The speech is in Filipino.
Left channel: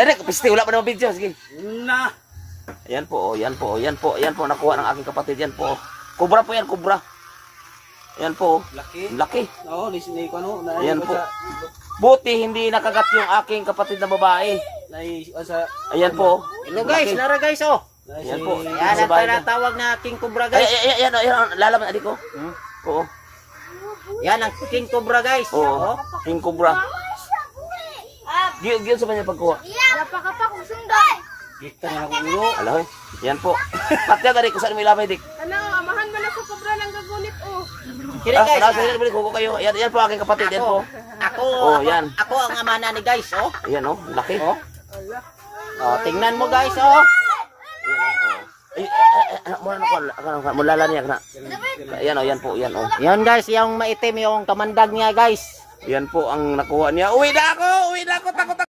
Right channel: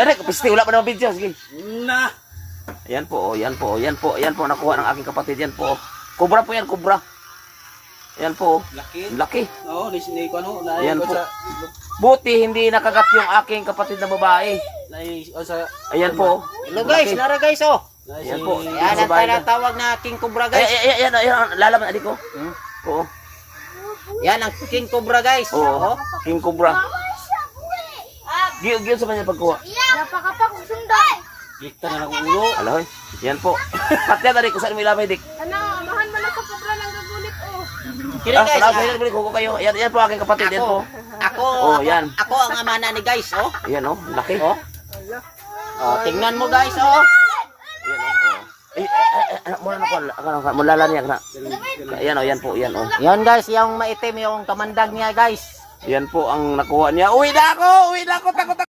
Ay, pisti, wala pa naman video. Sige. Na. Ayan po, yan po, yan po, yan po, nakuha ng aking kapatid. Yan po. Kubra po yan, kubra. Yan po. Laki. Laki. Oo, disini ko ano. Ayan po. Buti hindi nakagat yung aking kapatid na babae. Ayan po. Hello guys, nara guys oh. Ayan po. Yan ang tinatawag na King Cobra guys. Ayan, lalaman adik ko. Oo. Yan ang King Cobra guys. Oo. King Cobra. Giyon sa kanya pagkuha. Napakapak kung sundan. Kita na lang ulo. Aloy. Yan po. Patya dari ko saan mo ilabay dik. Ano, amahan man ako sobra ng gagunit oh. Kira guys. Sa hilir balik ko kayo. Yan po aking kapatid. Yan po. Ako, yan. Ako ang ama na ni guys oh. Ayan oh, laki. Oh. Oh, tingnan mo guys oh. Ayan oh. Mula na ko. Mulala niya na. Ayan oh, yan po, yan oh. Yan guys, yung maitim yung kamandag niya guys. Yan po ang nakuha niya. Uwi na ako, takot